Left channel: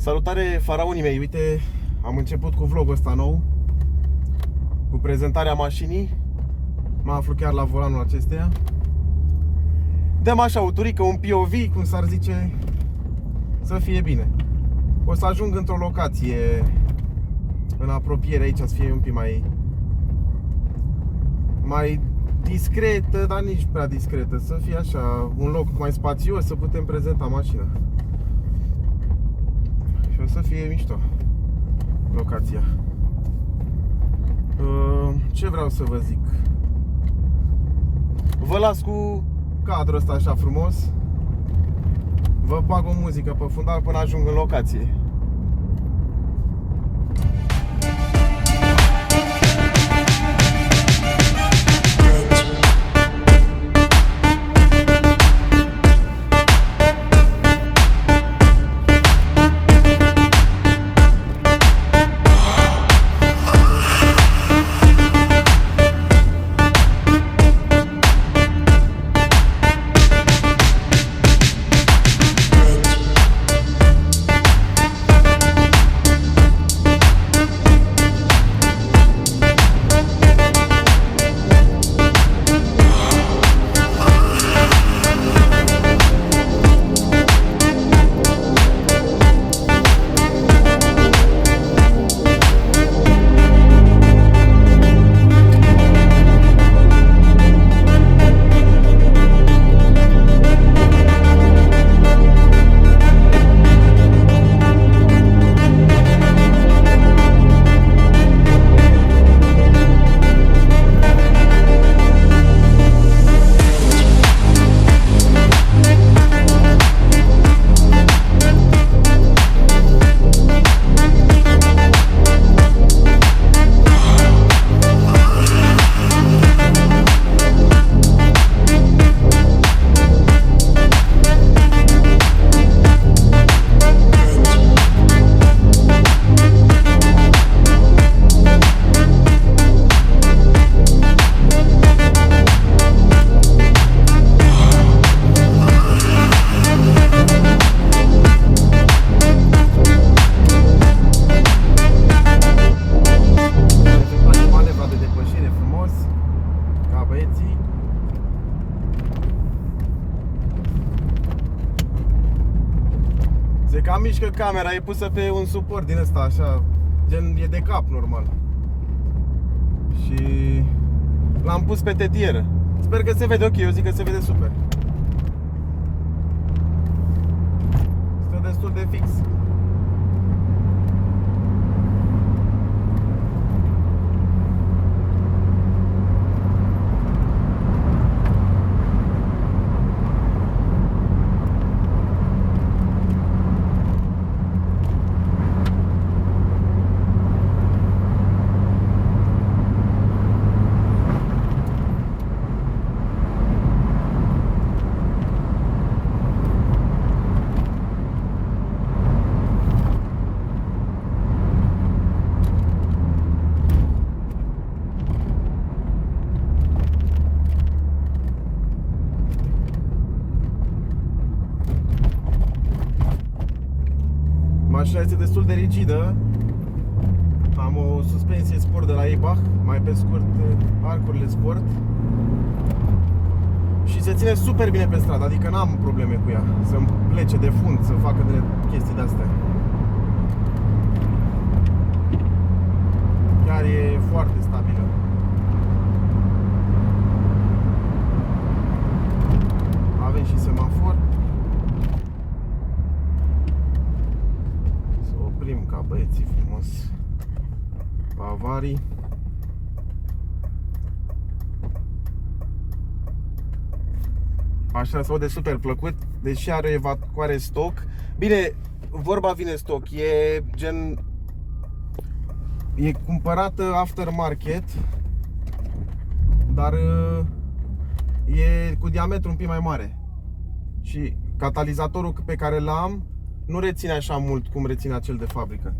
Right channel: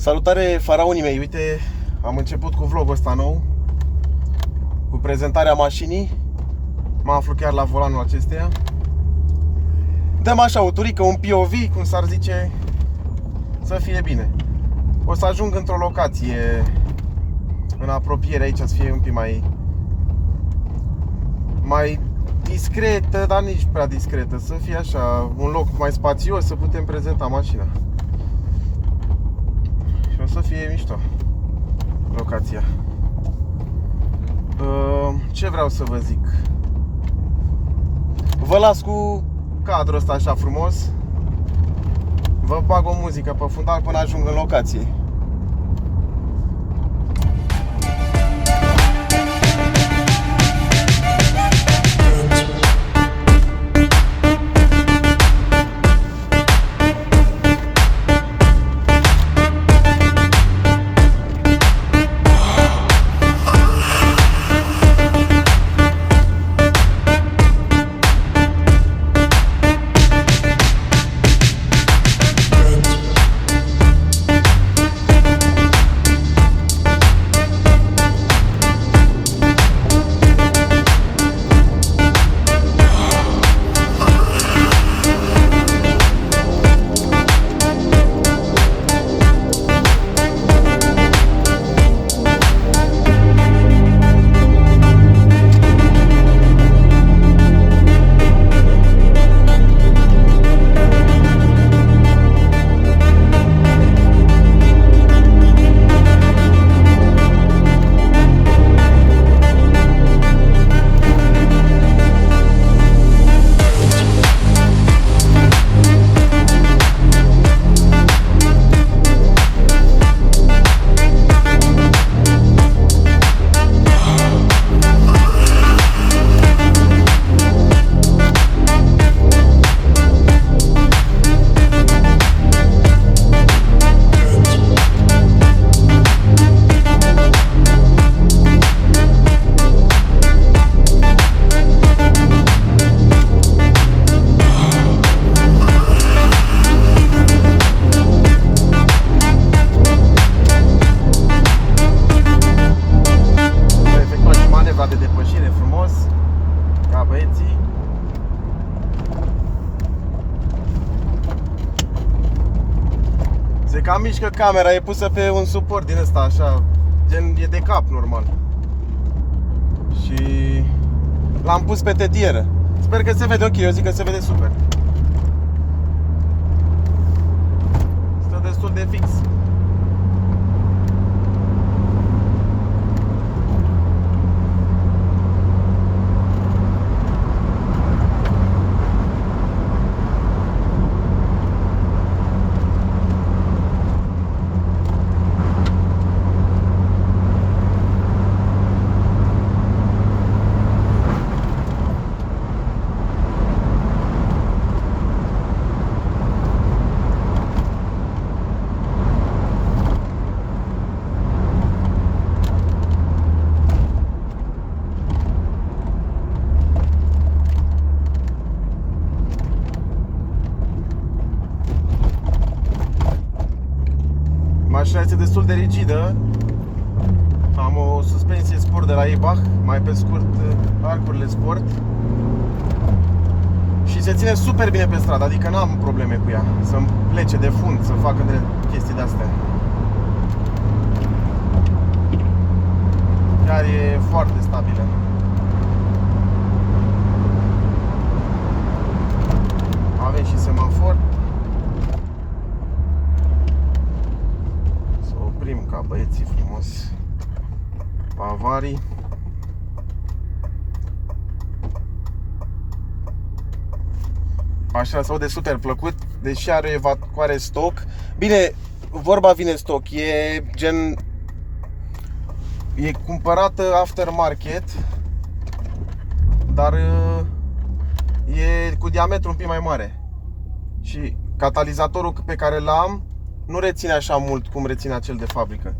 Salutare faraonii mei, uite, am început cu vlogul ăsta nou, cu prezentarea mașinii. Mă aflu chiar la volanul acesteia. Dăm așa o turică, un POV, cum s-ar zice, să fie bine. O să ajung într-o locație în apropiere aici, să fie un pic mai discretă, dar nici prea discretă, să fie așa, un loc mai spațios, să putem prezenta mașina. Și o să fie mișto locația. Ce vreau să vă zic? Vă las cu cadrul ăsta așa frumos. Vă bag o muzică pe fundal până ajung în locație. De depășire frumos, ca băieții. Se cam mișcă camera, e pusă pe un suport din ăsta așa, gen e de cap normal. Și l-am pus pe tetieră. Sper că se vede ok, eu zic că se vede super. Stă destul de fix. Mașina este destul de rigidă. Am o suspensie sport de la Eibach, mai pe scurt arcurile sport. Și se ține super bine pe stradă, adică n-am probleme cu ea să-mi plece de fund, să facă de chestii de-astea. Chiar e foarte stabilă. Avem și semafor. Ca băieții frumos pe avarii. Așa se aude super plăcut, deși are o evacuare stoc. Bine, vorba vine stoc, e gen, e cumpărată aftermarket, dar e cu diametru un pic mai mare. Și catalizatorul pe care l-am nu reține așa mult cum reține acel de fabrică.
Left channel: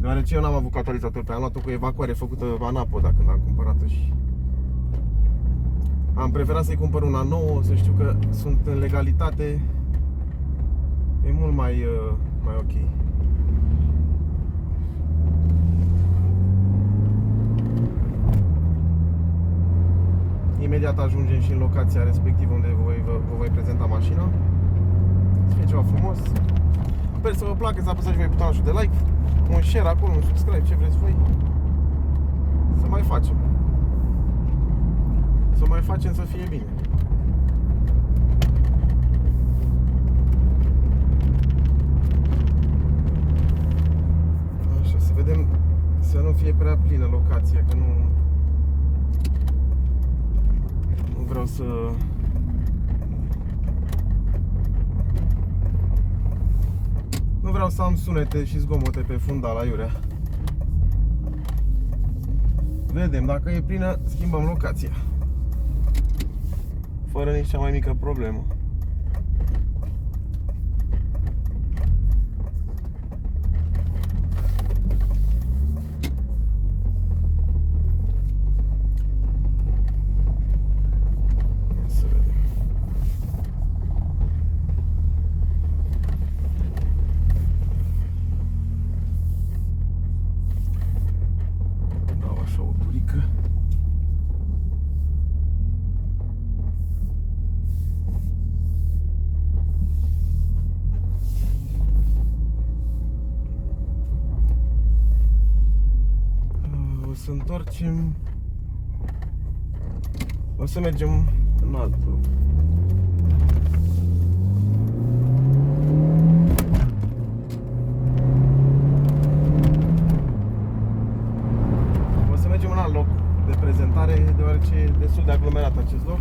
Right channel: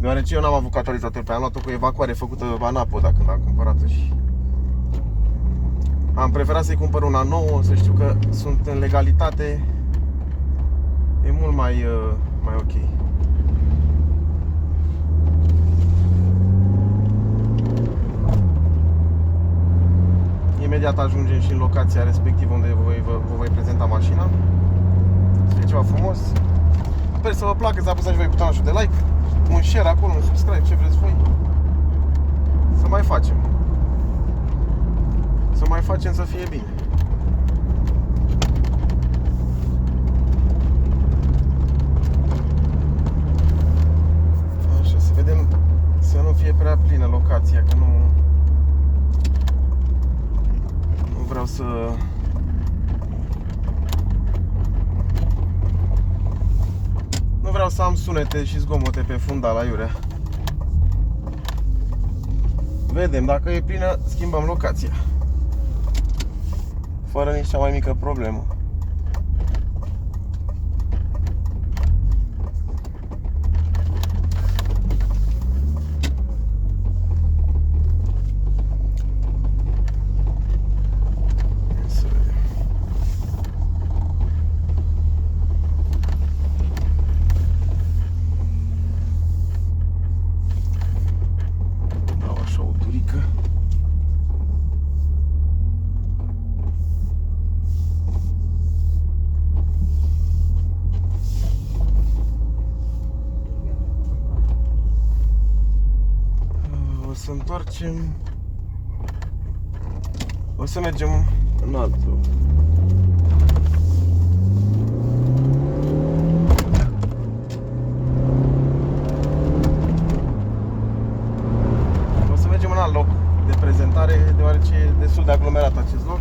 Deoarece eu n-am avut catalizator pe, am luat-o cu evacuare făcută anapoda când am cumpărat-o și am preferat să-i cumpăr una nouă, să știu că sunt în legalitate. E mult mai mai ok. Imediat ajungem și în locația respectivă unde vă voi prezenta mașina. Să fie ceva frumos. Sper să vă placă, să apăsați și voi butonul de like, un share acolo, un subscribe, ce vreți voi. Să mai facem. Să mai facem să fie bine. Așa, să vedem să nu fie prea plină locația, că nu vreau să am sunete și zgomote pe fundal aiurea. Vedem, dacă e plină, schimbăm locația. Fără nici cea mai mică problemă. Să întoarcem. O să mergem în altul. O să mergem în alt loc de prezentare, deoarece e destul de aglomerat acest loc.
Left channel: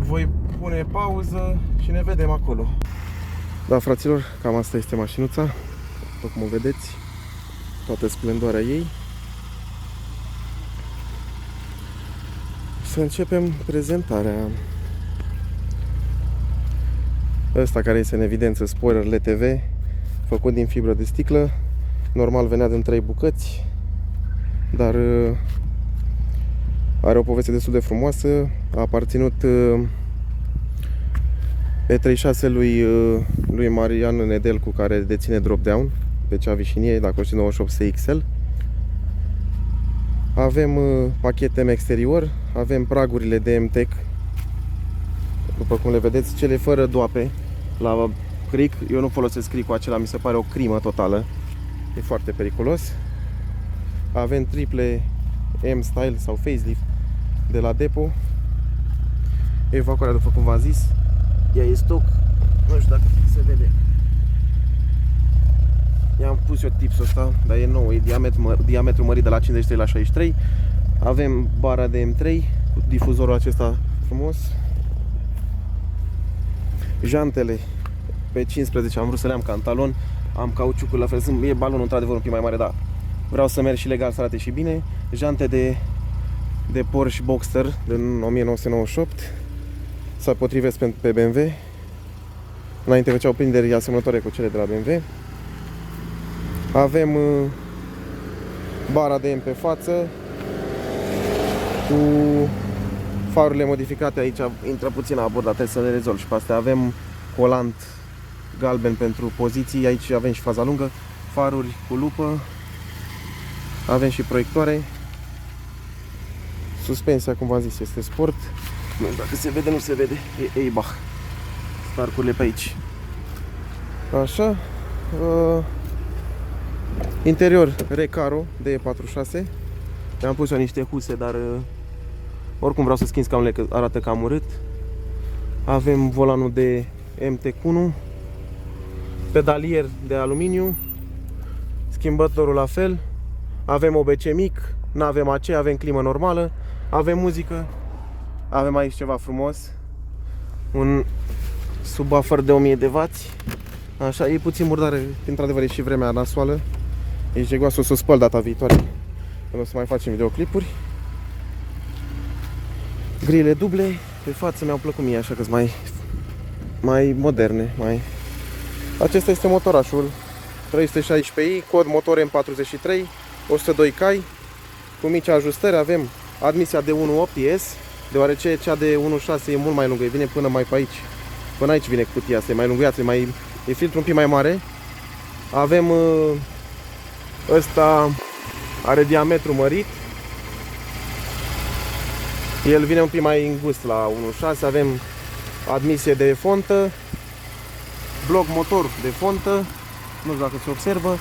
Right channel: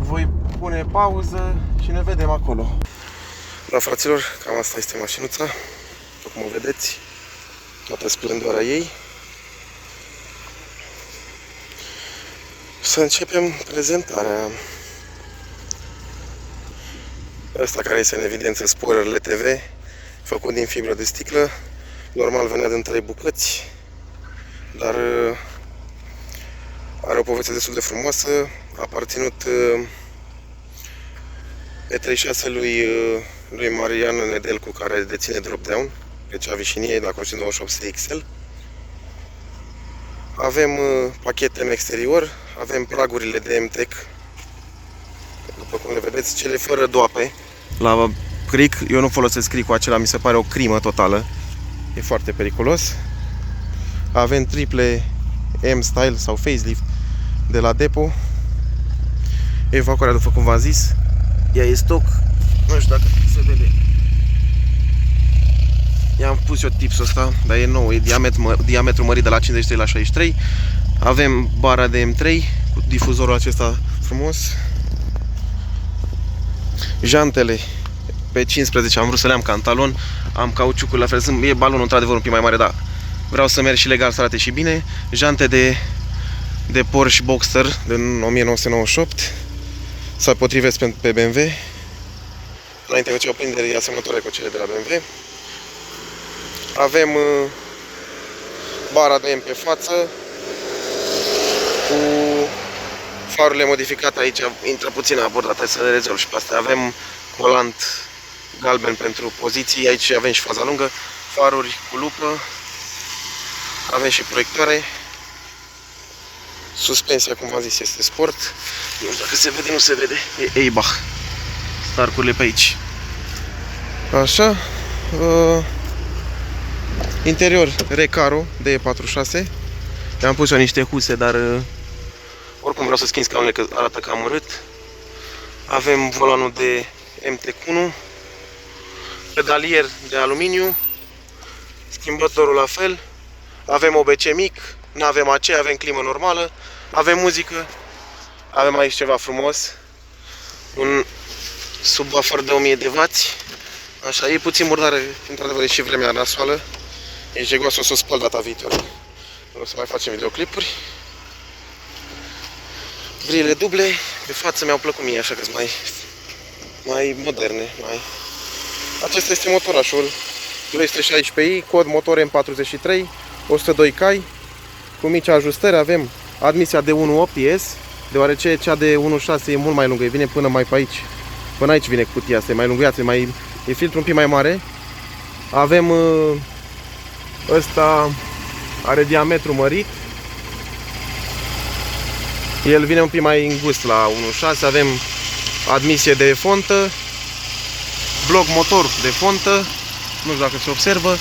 Voi pune pauză și ne vedem acolo. Da, fraților, cam asta este mașinuța. După cum o vedeți, toată splendoarea ei. Să începem prezentarea. Ăsta care este în evidență, spoilerele TV, făcut din fibră de sticlă. Normal venea din 3 bucăți, dar are o poveste destul de frumoasă. A aparținut E36 lui Marian Nedelcu, care deține Dropdown pe cea Vișiniei, dacă o știți, 98 XL. Avem pachete în exterior, avem pragurile de MTEC, după cum le vedeți, cele fără doape. La cric, eu nu folosesc cricul acela, mi se pare o crimă totală, e foarte periculos. Avem triple M-Style sau facelift de la Depo. Evacuarea, după cum v-am zis, ea e stock, nu știu dacă se vede. I-am pus eu tipsul ăsta, dar e nou, e diametru mărit de la 53 la 63. Avem bara de M3 cu difuzorul acesta frumos. Jantele pe 15 am vrut să le am ca în talon. Am cauciucul la fel, e balonul într-adevăr un pic mai mare, dar vreau să merg și legal, să arate și bine. Jante de Porsche Boxster din 1998. Se potrivesc pe BMW. Înainte făceau prinderi asemănătoare cu cele de la BMW. Avem bara de M pe față cu farurile modificate. Aici intră puțin abordat, hai să le rezolv și pe astea. Avem colant galben pentru poziții, aici avem și faza lungă, faruri cu lupă, avem și proiectoare. Suspensia, cum v-am zis, este sport. Nu știu dacă se vede, nu se vede, e Eibach. Starcurile pe aici. Așa. Interior Recaro de E46. I-am pus eu niște huse, dar oricum vreau să schimb scaunele, că arată cam urât. Avem volanul de MTEC1, pedalier de aluminiu, schimbătorul la fel. Avem OBC mic, nu avem AC, avem climă normală, avem muzică. Avem aici ceva frumos, un subwoofer de 1000 de W. Așa, e puțin murdare, într-adevăr e și vremea nasoală. E jegoasă, o să o spăl data viitoare. O să mai facem videoclipuri. Grile duble, de față mi-au plăcut mie, așa că sunt mai moderne. Acesta este motorașul 316i, cod motor M43, 102 cai, cu mici ajustări. Avem admisia de 1.8 IS, deoarece cea de 1.6 e mult mai lungă, vine până mai pe aici. Până aici vine cutia asta, e mai lunguiață, e filtrul un pic mai mare. Avem ăsta are diametru mărit. El vine un pic mai îngust la 1.6. Avem admisie de fontă, bloc motor de fontă, nu știu dacă se observă.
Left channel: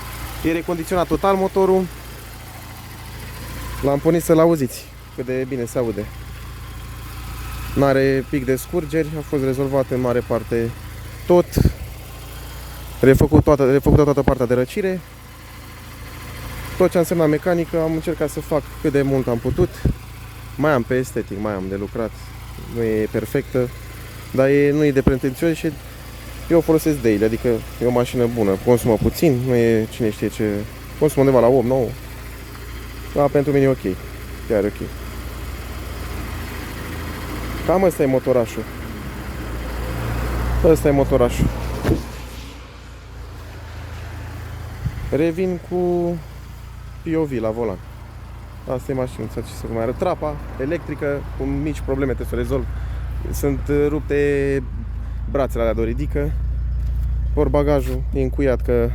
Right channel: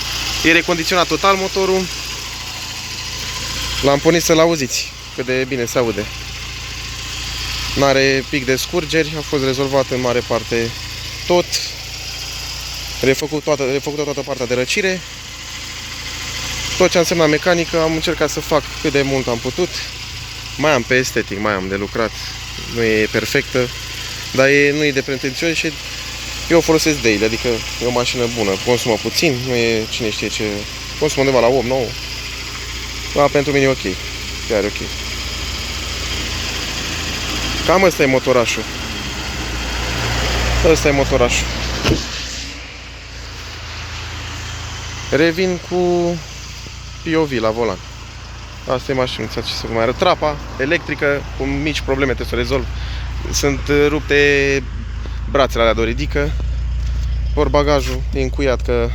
E recondiționat total motorul. L-am pornit să-l auziți cât de bine se aude. N-are pic de scurgeri, a fost rezolvat în mare parte tot. Refăcut toată partea de răcire. Tot ce a însemnat mecanică am încercat să fac cât de mult am putut. Mai am pe estetic, mai am de lucrat. Nu e perfectă, dar nu e de pretențios și eu o folosesc daily, adică e o mașină bună. Consumă puțin, nu e cine știe ce. Consumă undeva la 8-9. Dar pentru mine e ok. Chiar e ok. Cam ăsta e motorașul. Ăsta e motorașul. Revin cu POV la volan. Asta e mașinuța, ce să vă mai arăt. Trapa electrică, cu mici probleme trebuie să o rezolv. Sunt rupte brațele alea de o ridică. Portbagajul e încuiat că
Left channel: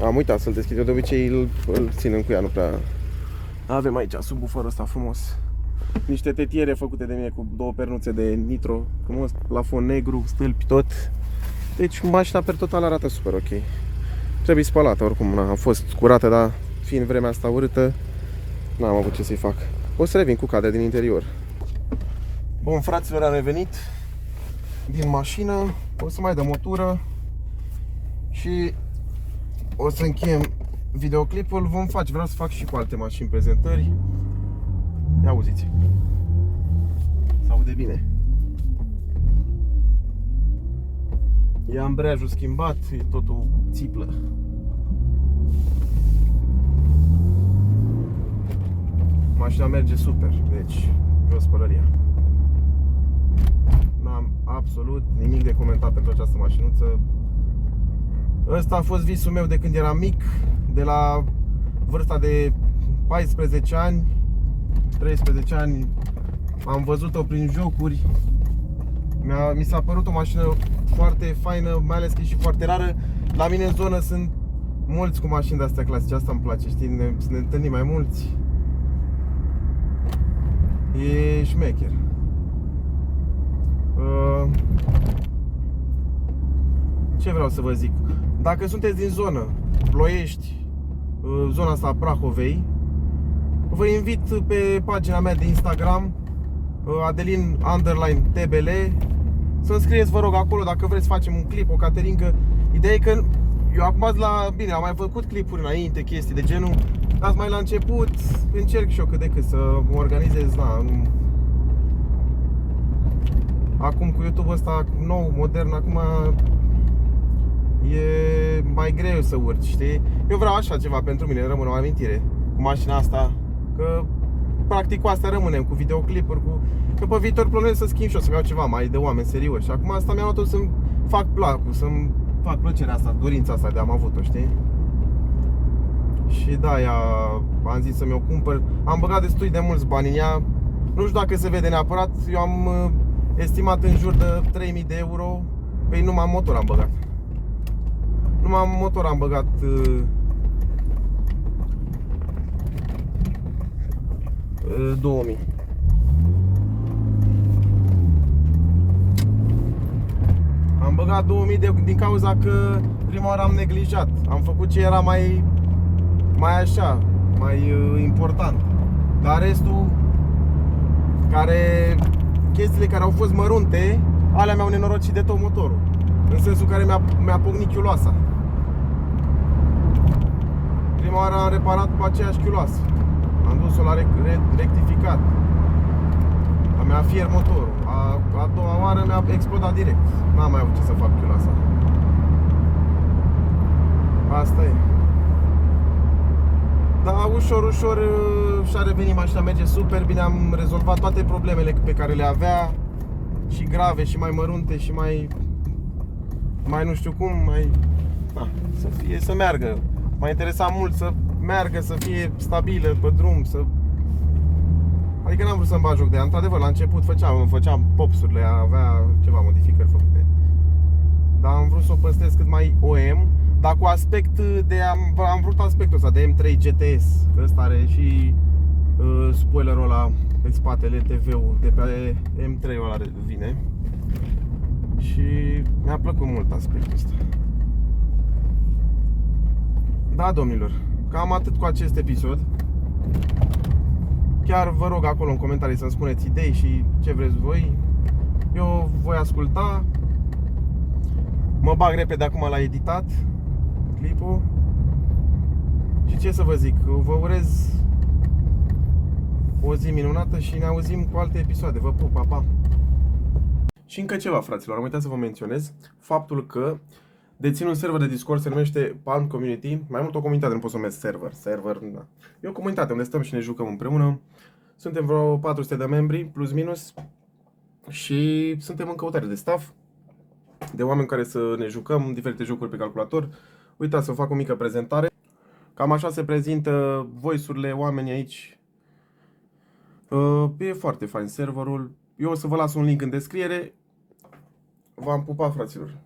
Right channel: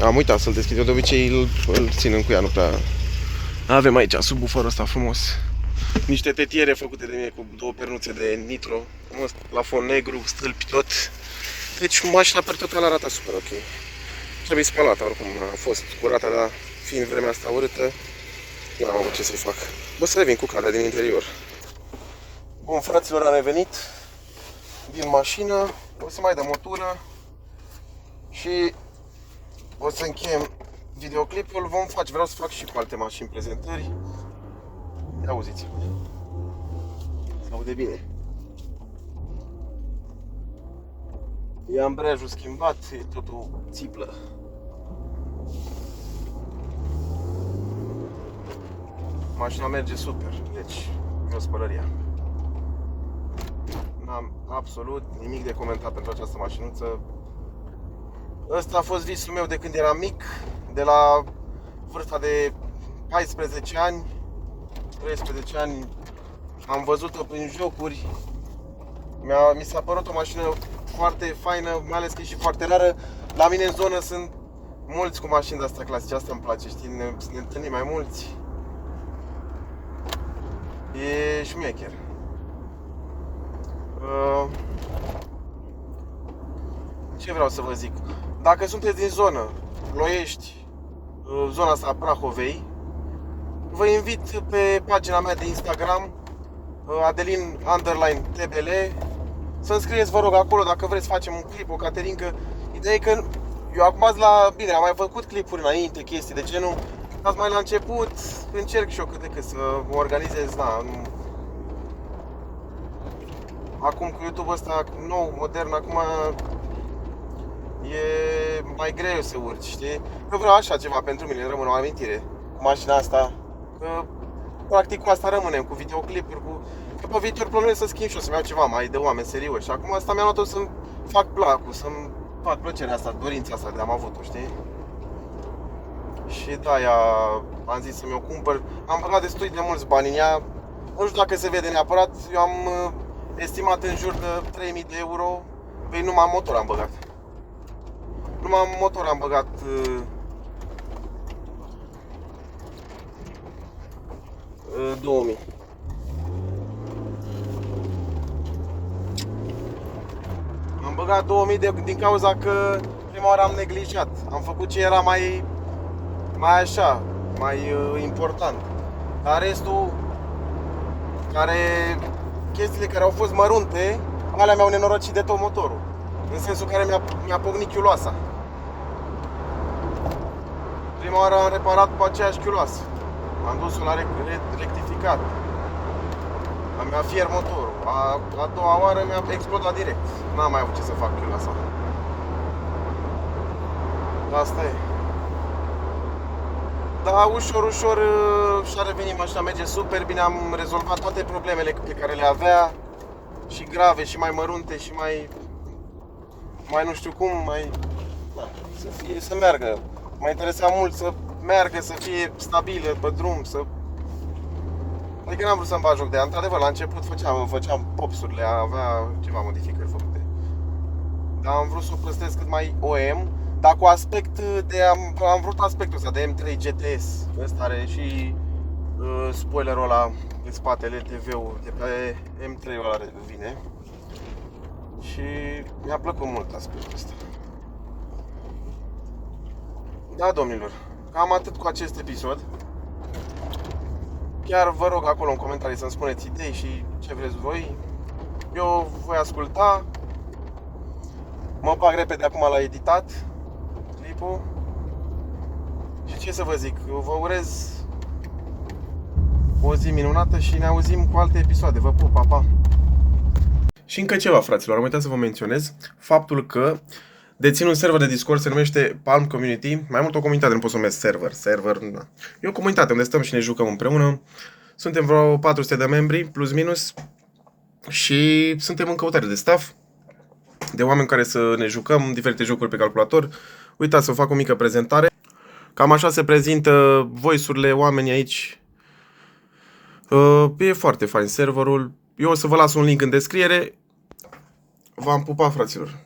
am uitat să-l deschid. Eu de obicei îl țin încuiat, nu prea. Avem aici subwooferul ăsta frumos. Niște tetiere făcute de mine cu două pernuțe de nitro, frumos, la fond negru, stâlpi tot. Deci mașina per total arată super ok. Trebuie spălată oricum, a fost curată, dar fiind vremea asta urâtă, n-am avut ce să-i fac. O să revin cu cadea din interior. Bun, fraților, am revenit din mașină, o să mai dăm o tură și o să încheiem videoclipul. Vreau să fac și cu alte mașini prezentări. Ia auziți, se aude bine. E ambreiajul schimbat, e totul țiplă. Mașina merge super, deci jos pălăria. N-am absolut nimic de comentat pentru această mașinuță. Ăsta a fost visul meu de când eram mic, de la vârsta de 14 ani, 13 ani. Am văzut-o prin jocuri. Mi s-a părut o mașină foarte faină, mai ales că e și foarte rară. La mine în zonă sunt mulți cu mașini de-astea clasice, asta îmi place, știi, ne întâlnim mai mulți. E șmecher. Ce vreau să vă zic? Dacă sunteți din zonă, Ploiești, zona asta a Prahovei, vă invit pe pagina mea de Instagram, Adelin_TBL, să-mi scrieți, vă rog, acolo dacă vreți să facem un clip, o cateringă. Ideea e că eu acum bine, am mai făcut clipuri înainte, chestii de genul, dar mai la început încerc și eu cât de cât să mă organizez, acum cu YouTube ăsta nou, modern, acum e mai greu să urci, știi? Eu vreau așa ceva pentru mine, rămâne o amintire cu mașina asta, că practic cu asta rămânem, cu videoclipuri, că pe viitor plănuiesc să schimb și eu, să-mi iau ceva mai de oameni serioși. Și acum asta mi-am luat-o să-mi fac placul, să-mi fac plăcerea asta, dorința asta de am avut-o, știi? Și de-aia am zis să mi-o cumpăr. Am băgat destul de mulți bani în ea. Nu știu dacă se vede neapărat. Eu am estimat în jur de 3000 de euro. Păi numai motor am băgat. Numai motor am băgat 2000. Am băgat 2000 din cauza că prima oară am neglijat. Am făcut ce era mai important. Dar restul, chestiile care au fost mărunte, alea mi-au nenorocit de tot motorul. În sensul care mi-a pocnit chiuloasa. Prima oară am reparat pe aceeași chiuloasă. Am dus-o la rectificat. Mi-a fiert motorul. A doua oară mi-a explodat direct. N-am mai avut ce să fac chiuloasa. Asta e. Dar ușor și-a revenit mașina, merge super bine. Am rezolvat toate problemele pe care le avea. Și grave, și mai mărunte, și mai nu știu cum, să meargă. M-a interesat mult să meargă, să fie stabilă pe drum, adică n-am vrut să-mi bag joc de ea. Într-adevăr, la început făceam popsurile, avea ceva modificări făcute. dar am vrut să o păstrez cât mai OM, dar cu aspect de... Am vrut aspectul ăsta de M3 GTS. Ăsta are și spoilerul ăla pe spatele, TV-ul de pe M3-ul ăla vine. Și mi-a plăcut mult aspectul ăsta. Da, domnilor, cam atât cu acest episod. Chiar vă rog acolo în comentarii să-mi spuneți idei și ce vreți voi. Eu voi asculta. Mă bag repede acum la editat clipul. Și ce să vă zic, vă urez o zi minunată și ne auzim cu alte episoade. Vă pup, pa, pa! Și încă ceva, fraților, am uitat să vă menționez faptul că dețin un server de Discord, se numește Palm Community. Mai mult o comunitate, nu pot să numesc server, da. E o comunitate unde stăm și ne jucăm împreună. Suntem vreo 400 de membri, plus minus. Și suntem în căutare de staff, de oameni care să ne jucăm diferite jocuri pe calculator. Uitați să fac o mică prezentare. Cam așa se prezintă voice-urile oamenii aici. E foarte fain serverul. Eu o să vă las un link în descriere. V-am pupat, fraților.